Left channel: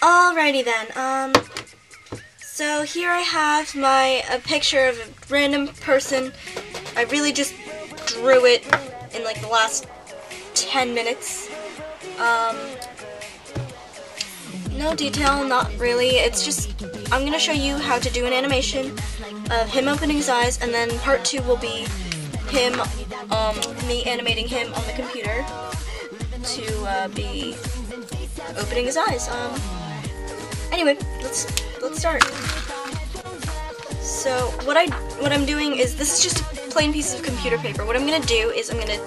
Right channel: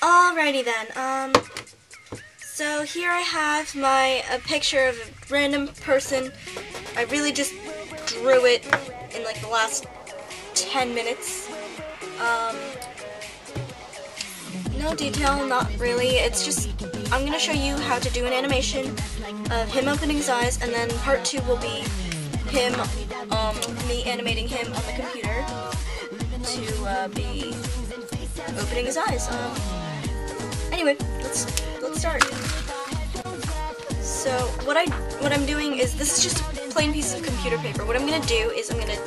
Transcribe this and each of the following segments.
Alrighty then, so here I have a picture of a random person. I really just drew it in like the last 10 minutes. No detail, not really. It's just, I'm gonna show you how to do an animation of him opening his eyes, and then part 2 will be him, me animating him on the computer to be opening his eyes. Anyway, let's start. So what I'm doing is, this is just a plain piece of computer paper. What I'm gonna do is I'm gonna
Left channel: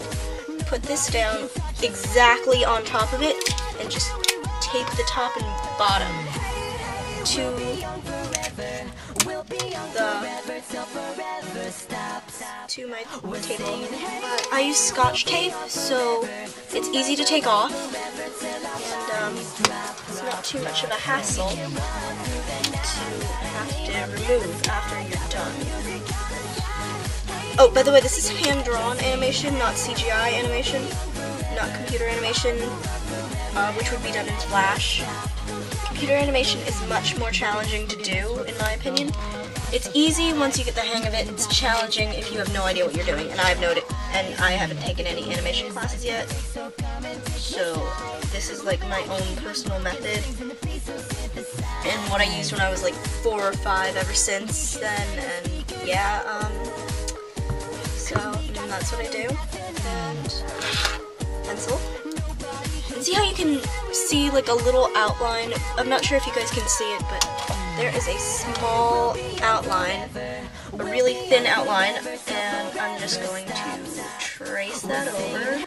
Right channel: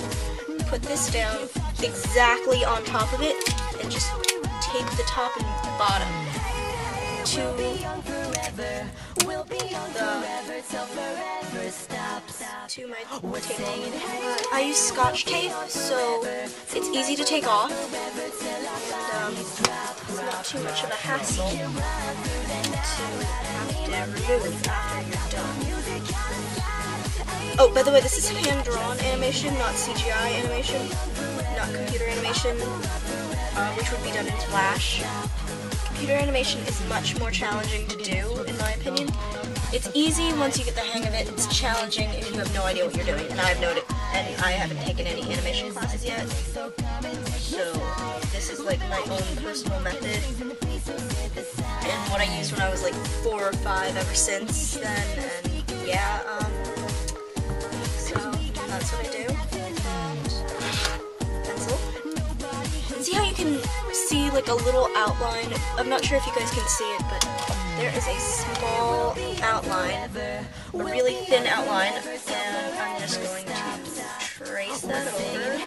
put this down exactly on top of it and just tape the top and bottom to my table. I use Scotch tape, so it's easy to take off, and it's not too much of a hassle to have to remove after you're done. Oh, by the way, this is hand-drawn animation, not CGI animation, not computer animation, which would be done in Flash. Computer animation is much more challenging to do, in my opinion. It's easy once you get the hang of it. It's challenging if you have no idea what you're doing, and I haven't taken any animation classes yet. So this is like my own personal method, and what I used when I was like 4 or 5 ever since then, and yeah, so that's what I do. And pencil. And see how you can see like a little outline? I'm not sure if you guys can see it, but there is a small outline, a really thin outline, and I'm just going to trace that over.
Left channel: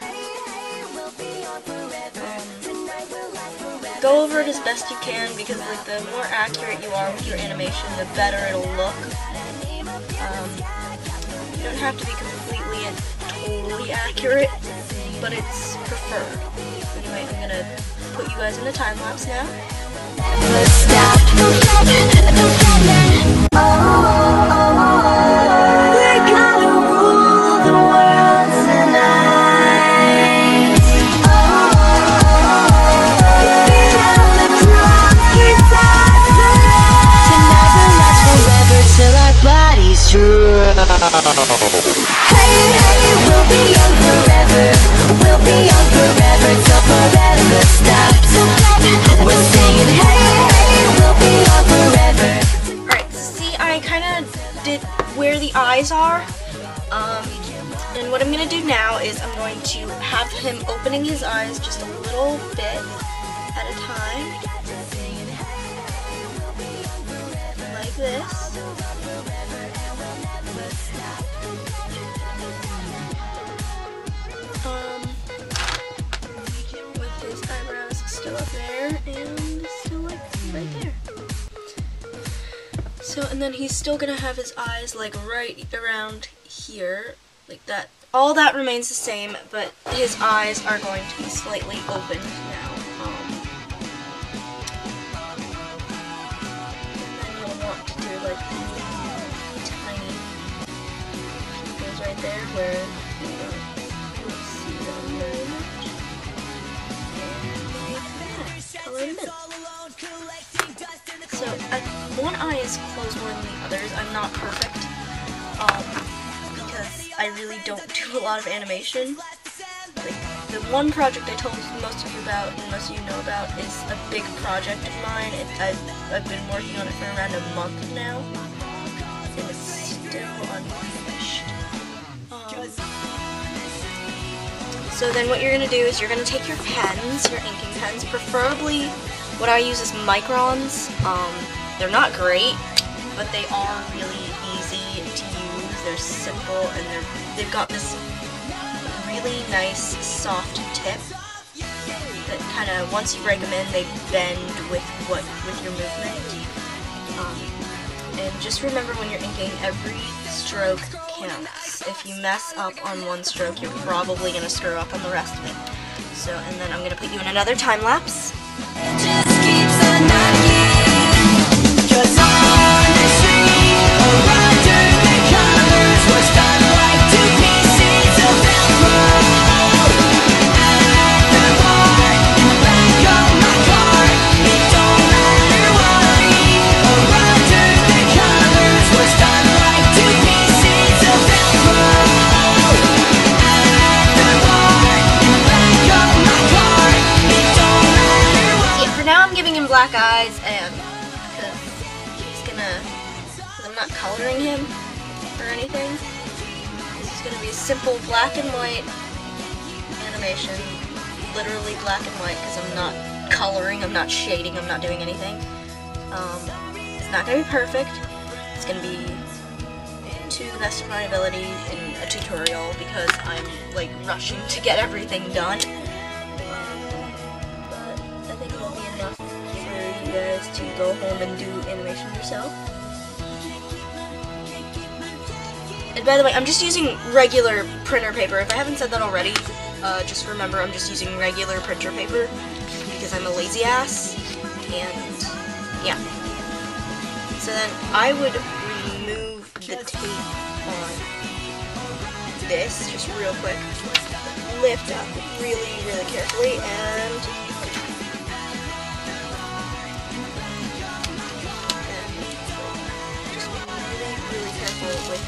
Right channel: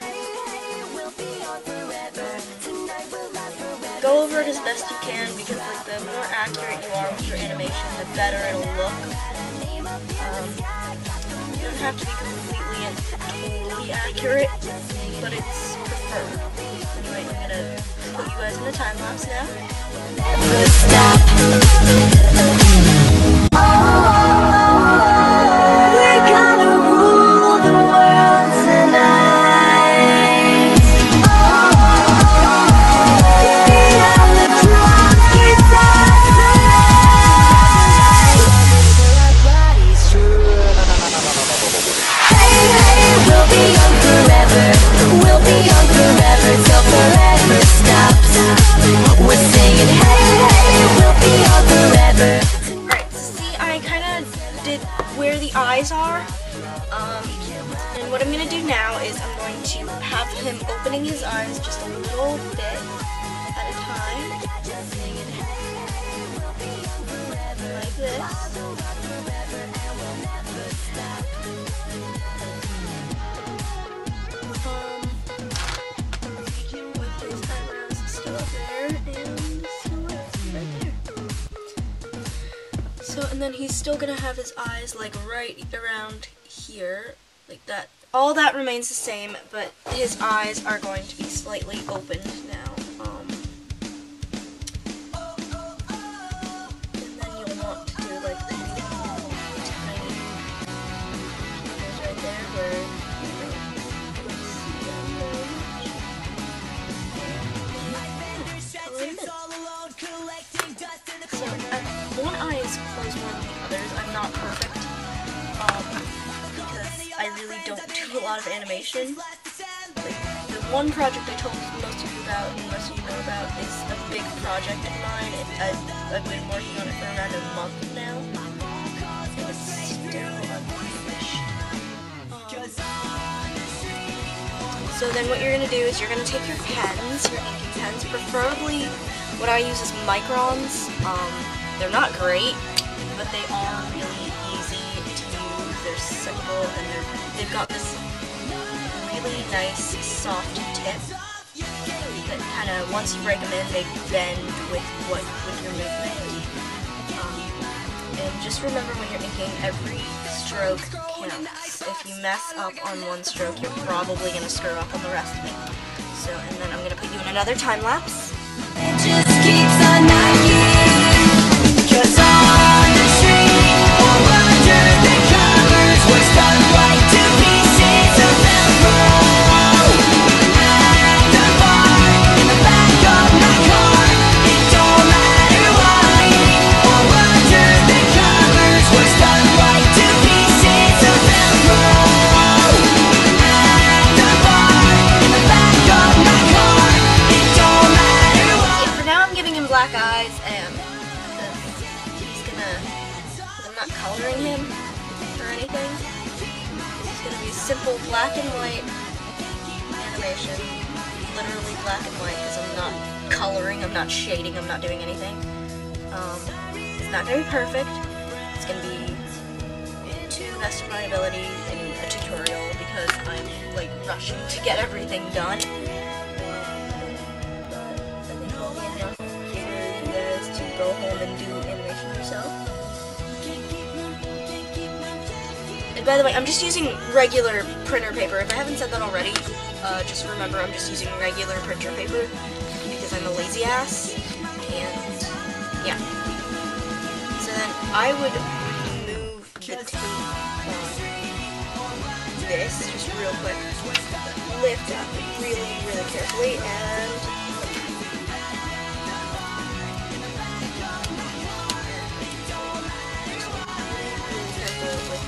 Go over it as best you can, because like the more accurate you are with your animation, the better it'll look. You don't have to be completely and totally accurate, but it's preferred. Anyway, I'm gonna put you guys in a time lapse now. Where the eyes are, and what I'm going to do now is I'm going to have him opening his eyes just a little bit at a time, like this. With his eyebrows still up there and still like right there. So, and then he's still gonna have his eyes like right around here, like that. All that remains the same, but his eyes are going to be slightly opened now. And then you'll want to do like tiny pupils right there where you don't see them very much. And like that, color them in. So, one eye is closed more than the others. I'm not perfect, because I really don't do a lot of animation. Like, the one project I told most of you about, and most of you know about, is a big project of mine. I've been working on it for around a month now, and it's still unfinished. So then what you're going to do is you're going to take your pens, your inking pens, preferably what I use is microns. They're not great, but they are really easy to use. They're simple, and they've got this really nice soft tip that kind of, once you break them in, they bend with your movement. And just remember, when you're inking, every stroke counts. If you mess up on one stroke, you're probably going to screw up on the rest of it. So, and then I'm going to put you in another time lapse. It just keeps on knocking, 'cause on the street or under the covers was that like 2 pieces of velcro. At the bar in the back of my car, it don't giving him black eyes, and because I'm not coloring him or anything. This is gonna be a simple black and white animation, literally black and white, because I'm not coloring, I'm not shading, I'm not doing anything. It's not gonna be perfect. It's gonna be to the best of my ability in a tutorial because I'm like rushing to get everything done. But I think it'll be enough for you guys to go home and do animation yourself. And by the way, I'm just using regular printer paper. If I haven't said that already, just remember I'm just using regular printer paper because I'm a lazy ass. And yeah. So then I would remove the tape on this just real quick. Lift up really, really carefully and just really, really careful with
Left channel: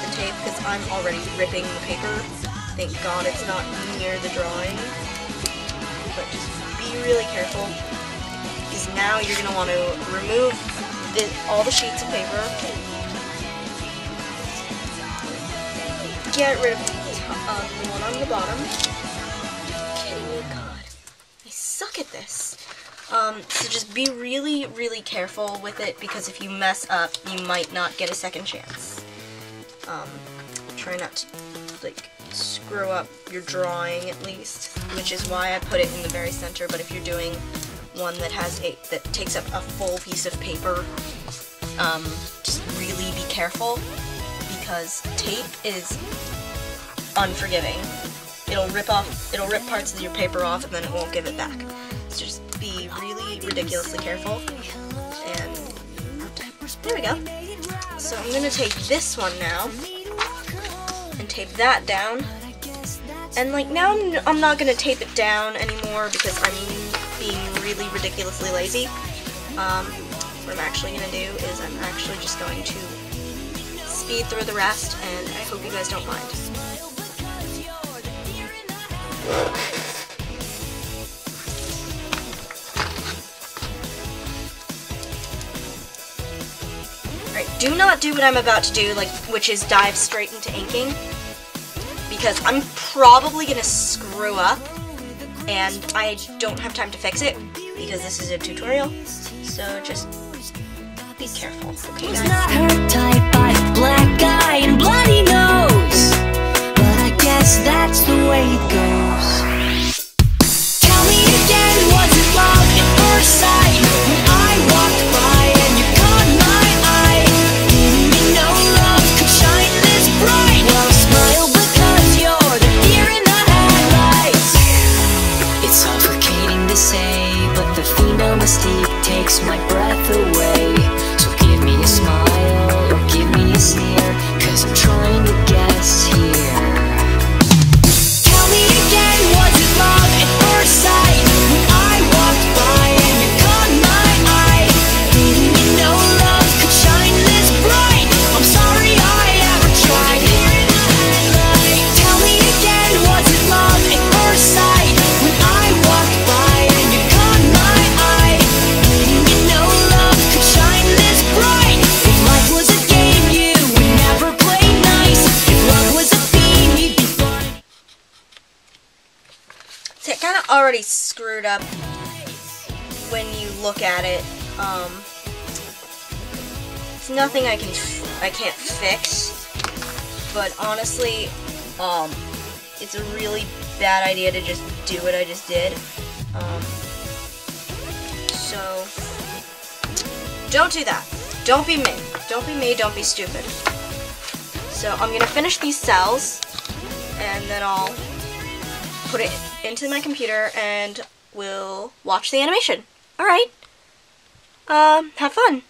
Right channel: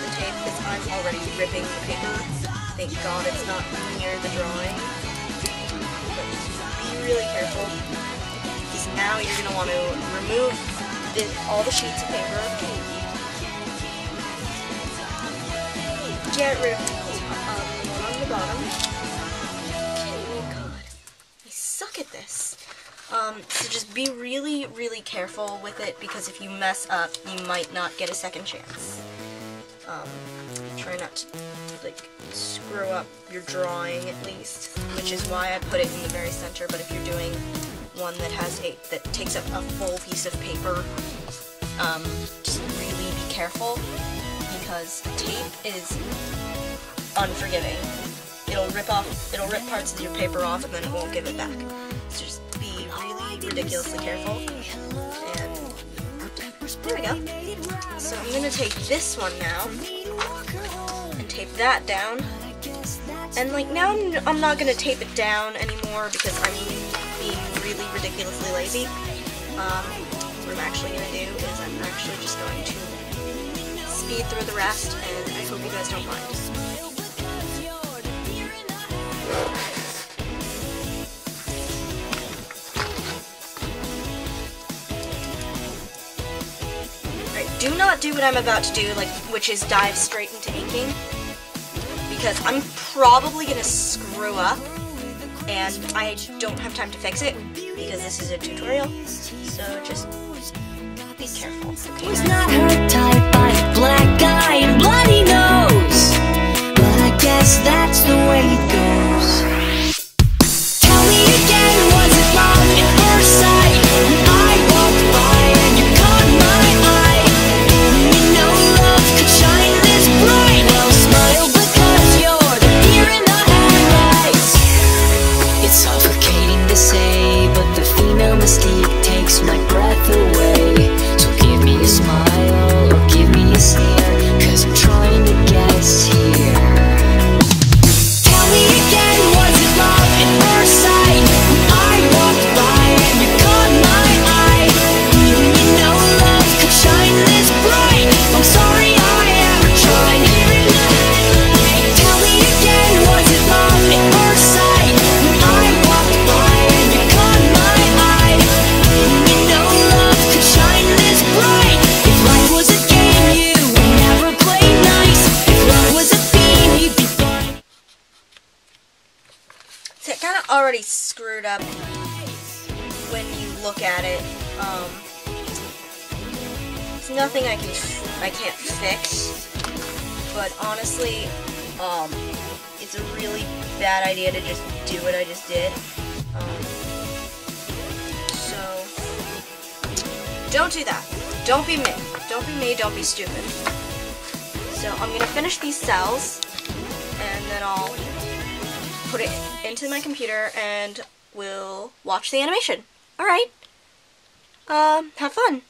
the tape because I'm already ripping the paper. Thank God it's not near the drawing. But just be really careful because now you're going to want to remove all the sheets of paper. Get rid of the one on the bottom. Kidding me, God. I suck at this. So just be really, really careful with it because if you mess up, you might not get a second chance. Try not to, like, screw up your drawing at least, which is why I put it in the very center, but if you're doing one that that takes up a full piece of paper, just really be careful because tape is unforgiving. It'll rip parts of your paper off and then it won't give it back. So just be really ridiculously careful. And there we go. So I'm gonna take this one now and tape that down. And like now I'm not gonna tape it down anymore because I'm being really ridiculously lazy. What I'm actually gonna do is I'm actually just going to speed through the rest, and I hope you guys don't mind. Alright, do not do what I'm about to do, which is dive straight into inking, because I'm probably gonna screw up, and I don't have time to fix it, because this is a tutorial, so just be careful, okay guys? Not her type, I have black eye and bloody nose, but I guess that's the way it goes. Tell me again, was it love at first sight? When I walked by and you caught my eye, didn't you know love could shine this bright? Well, smile because you're the deer in the headlights. It's suffocating to say, but the female mistake takes my breath away. So give me a smile or give me a stare, 'cause I'm trying to guess here. Tell me again, was it love at first sight? When I walked by and you caught my eye, didn't you know love could shine this bright? I'm sorry I ever tried. Tell me again, was it love at first sight? When I walked by and you caught my eye, didn't you know love could shine this bright? If life was a game, you would never play nice. If love was a theme, you'd be blind. So it kind of already screwed up when you look at it. It's nothing I can't fix, but honestly, it's a really bad idea to just do what I just did. So don't do that. Don't be me. Don't be me. Don't be stupid. So I'm gonna finish these cells, and then I'll put it into my computer, and we'll watch the animation. All right. Have fun.